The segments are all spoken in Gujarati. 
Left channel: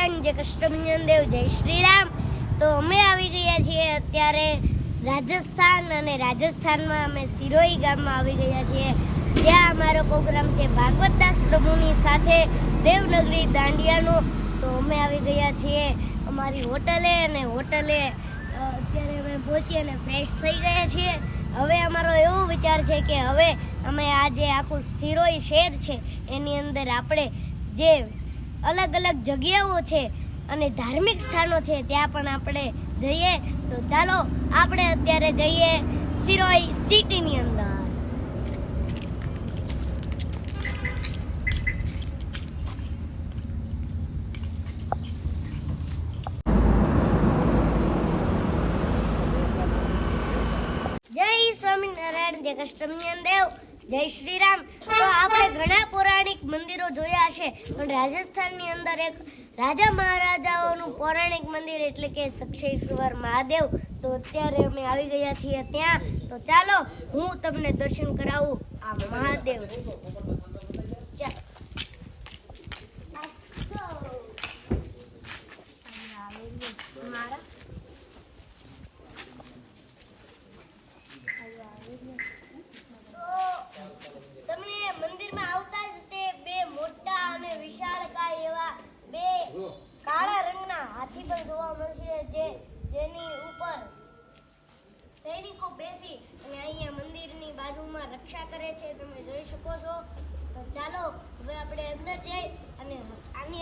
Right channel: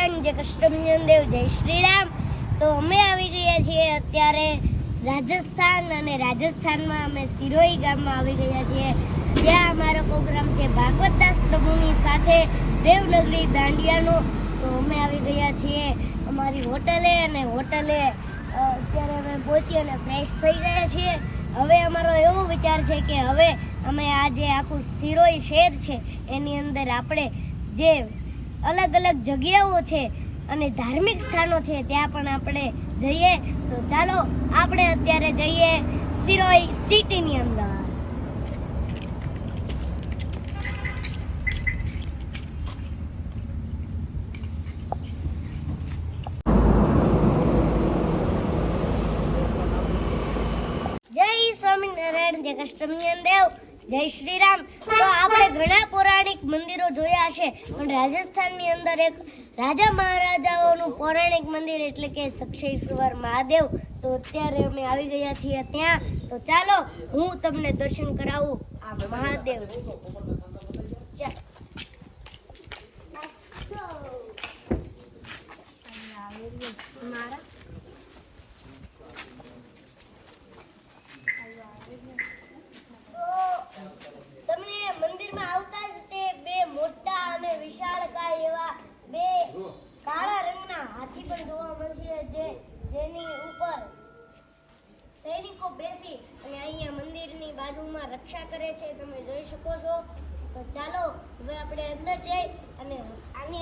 નારાયણ, જય કૃષ્ણ દેવ, જય શ્રી રામ। તો અમે આવી ગયા છીએ અત્યારે રાજસ્થાન, અને રાજસ્થાનમાં અમે સિરોહી ગામમાં આવી ગયા છીએ। ત્યાં અમારો પ્રોગ્રામ છે ભાગવતદાસ પ્રભુની સાથે દેવનગરી દાંડિયાનો। તો અમે આવી ગયા છીએ અમારી હોટલે, અને હોટલે અત્યારે અમે પહોંચી અને ફ્રેશ થઈ ગયા છીએ। હવે અમારો એવો વિચાર છે કે હવે અમે આ જે આખું સિરોહી શહેર છે એની અંદર આપણે જે અલગ અલગ જગ્યાઓ છે અને ધાર્મિક સ્થાનો છે ત્યાં પણ આપણે જઈએ। તો ચાલો આપણે અત્યારે જઈએ સિરોહી સિટીની અંદર। જય સ્વામિનારાયણ, જય કૃષ્ણ દેવ, જય શ્રી રામ। તો આપણે ઘણા પૌરાણિક મંદિરો જોયા હશે, પણ રાજસ્થાનની અંદર એક રાજા મહારાજાઓનું પૌરાણિક મંદિર એટલે કે સક્ષેશ્વર મહાદેવ। તો અત્યારે અમે આવી ગયા છીએ ત્યાં। તો ચાલો હું તમને દર્શન કરાવું આ મહાદેવ। મંદિરમાં આવતા જ તે બે મોટા અને વિશાળકાય એવા બે કાળા રંગના હાથી પણ જોવા મળશે, જેની ઉપર સૈનિકો બેસી અને અહીંયા મંદિરની બાજુમાં રક્ષા કરે છે, તમે જોઈ શકો છો। તો ચાલો હવે આપણે અંદર જઈ અને આને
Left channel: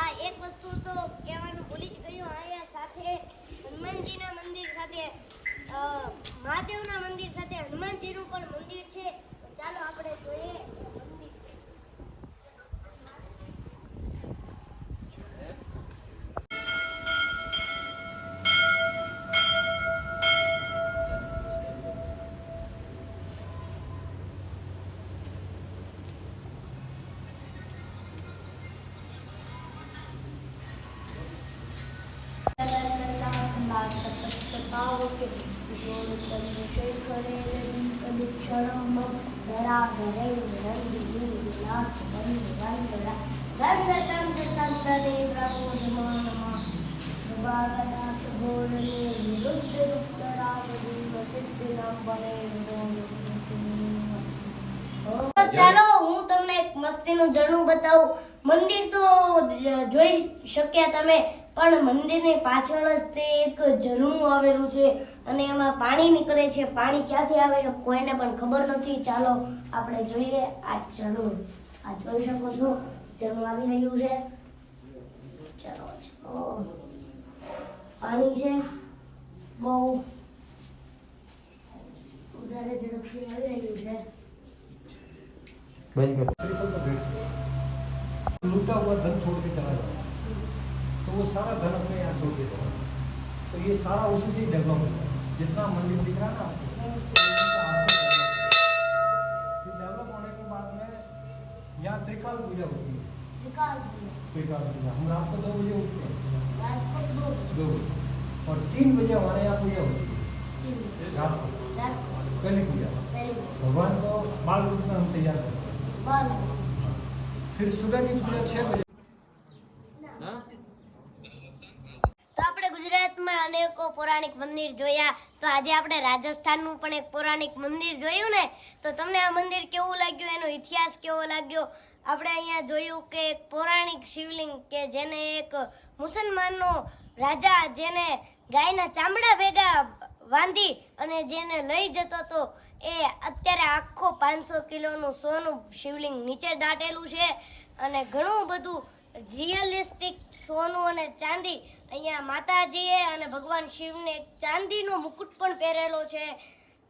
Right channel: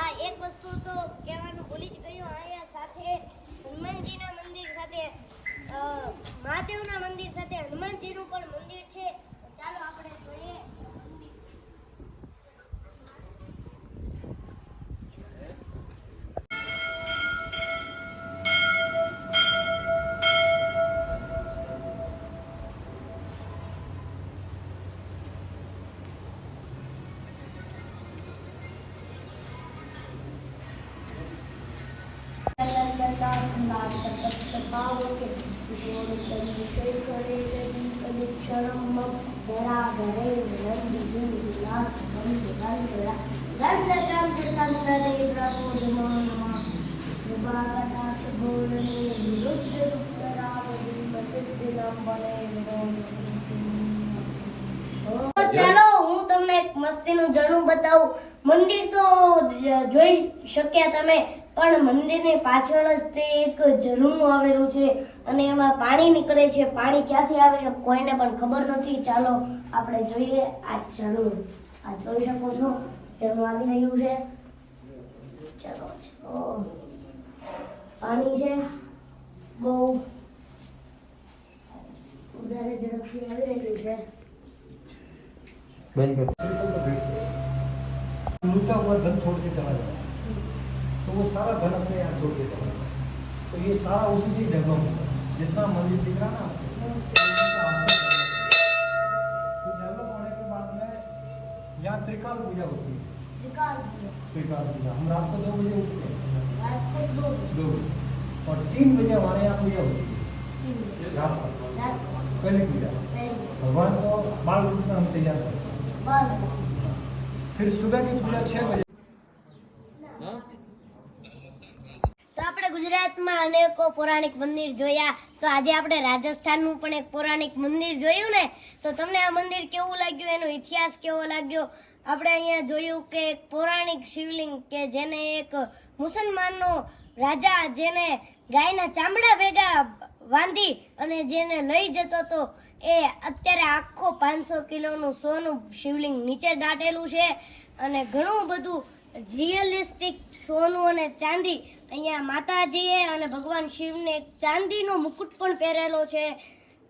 આ એક વસ્તુ તો કહેવાનું ભૂલી જ ગયો, અહીંયા સાથે હનુમાનજીના મંદિર સાથે મહાદેવના મંદિર સાથે હનુમાનજીનું પણ મંદિર છે। તો ચાલો આપણે જોઈએ। ચાલો હું તમને એક મસ્તીનું ઝરણું બતાવું। મંદિર તો જોઈ શક્યા તમે, પણ મંદિરની પાછળ જ તે એક ઝરણું આવેલું છે અને એમાં પાણી નીકળે છે। પાણી ક્યાંથી આવે છે કોઈને પણ ખબર નથી। ચાલો આપણે જોઈએ આ ઝરણું। આ જોઈ શકો છો ઝરણું આવી રહ્યું છે। ચાલો પાણી છે, બહુ વધારે ઝડપથી આવી રહ્યું છે। लूटा हुआ धन छोड़ के चला जाए तो वो सारा धन अपने यहाँ छोड़ के चला जाए। तो ये सारा उसी से ही डेवलप होगा। जितना मंदिर दिख रहा ना तो डेवलप होने के बाद में यहाँ त्रिकाल पूजा होती है। त्रिकाल पूजा हम रात को 2 बजे उठते हैं, 2 बजे, और 3 बजे हमारे यहाँ पूजा होती है रात को, पहले पूजा। भगवान को बाल रूप में हम तैयार करते हैं। फिर सुबह की पूजा 6 बजे। તો આપણે ગુજરાતમાં અનેકો પૌરાણિક મંદિર જોયા, તો આજે આપણે રાજસ્થાનનું પણ એક પૌરાણિક મંદિર જોયું ને। તો તમને આ મંદિર કેવું લાગ્યું, એનો ઇતિહાસ કેવો લાગ્યો? આપણે અહીંયા જોયું કે એક પૌરાણિક શિવલિંગ કે જેને એક મુસલમાનનો રાજા જેને ગાયના ચામડા ભેગા બાંધી અને જેને લઈ જતો હતો, એ અત્યારે આખો 500 કિલોનું સોનું શિવલિંગ નીચે દાટેલું છે, અને ઘણું બધું રિયલિસ્ટિક સોનું અને ચાંદી અહીંયા માતાજીએ અને ભગવાન શિવને એક ચાંદીનો મુકુટ પણ પહેરેલો છે।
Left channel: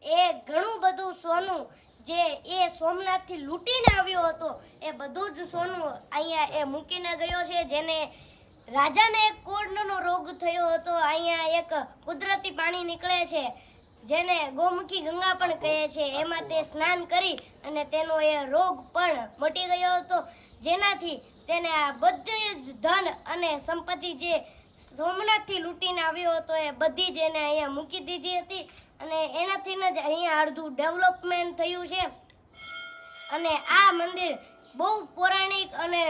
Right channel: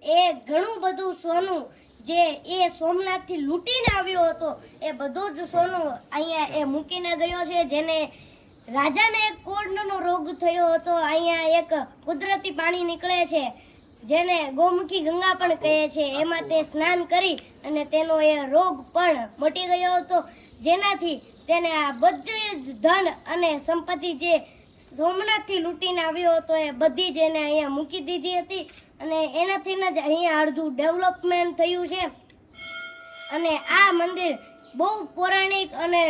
એ ઘણું બધું સોનું જે એ સોમનાથથી લૂંટીને આવ્યો હતો એ બધું જ સોનું અહીંયા એ મૂકીને ગયો છે, જેને રાજાને એક કોઢનો રોગ થયો હતો। અહીંયા એક કુદરતી પાણી નીકળે છે જેને ગોમુખી ગંગા પણ કહે છે, એમાં તે સ્નાન કરી અને તેનો એ રોગ પણ મટી ગયો હતો, જેનાથી તેને આ બધી જ ધન અને સંપત્તિ જે સોમનાથથી લૂંટીને આવ્યો હતો એ બધી જ એને અહીંયા મૂકી દીધી હતી, અને એનાથી જ અહીંયા અડધું ડેવલપમેન્ટ થયું છે। અને આ મંદિર બહુ પૌરાણિક અને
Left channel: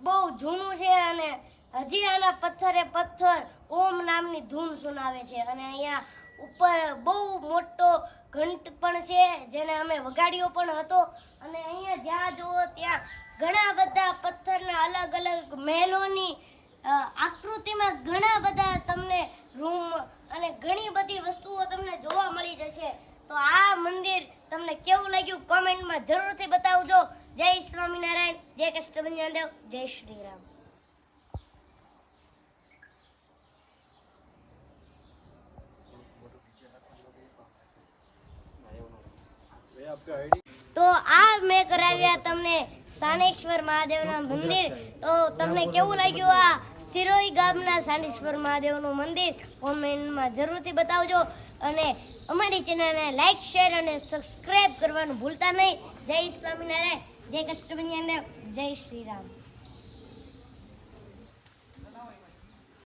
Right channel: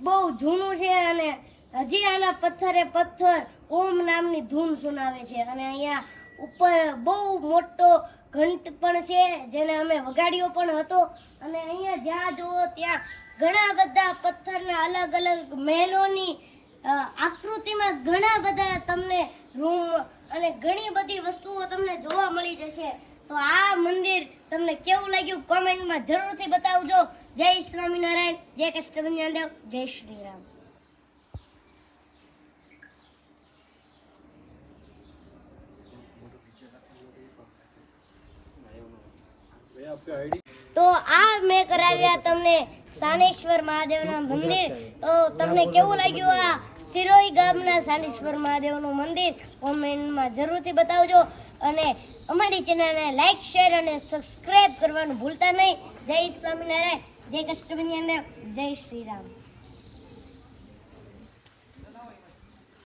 બહુ જૂનું છે, અને હજી આના પથ્થરે પથ્થર ઓમ નામની ધૂન સુનાવે છે. અને અહીંયા ઉપર બહુ મોટો ઘંટ પણ છે જેને અમે વગાડ્યો પણ હતો. અને અહીંયા જ્યાં જુઓ ત્યાં ઘણા બધા પથ્થરના અલગ અલગ મહેલોની આકૃતિમાં ઘણા બધા તમને રૂમ અને ઘણી બધી વસ્તુઓ તમને જોવા મળી જશે. તો આ મંદિર તમને કેવું લાગ્યું કોમેન્ટમાં જરૂરથી બતાવજો. જય સ્વામિનારાયણ, જય કષ્ટભંજન દેવ, જય શ્રી રામ. તો આ મેં કરાવ્યા તમને સાનેશ્વર મહાદેવના મંદિર. તો તમને કેવું લાગ્યું આ સિરોઈ ગામના સાનેશ્વર મહાદેવનું મંદિર કોમેન્ટમાં જરૂરથી બતાવજો. અને અમારી ચેનલને લાઈક, શેર અને સબસ્ક્રાઇબ કરવાનું ભૂલતા નહીં. જય સ્વામિનારાયણ, જય કષ્ટભંજન દેવ, જય શ્રી રામ.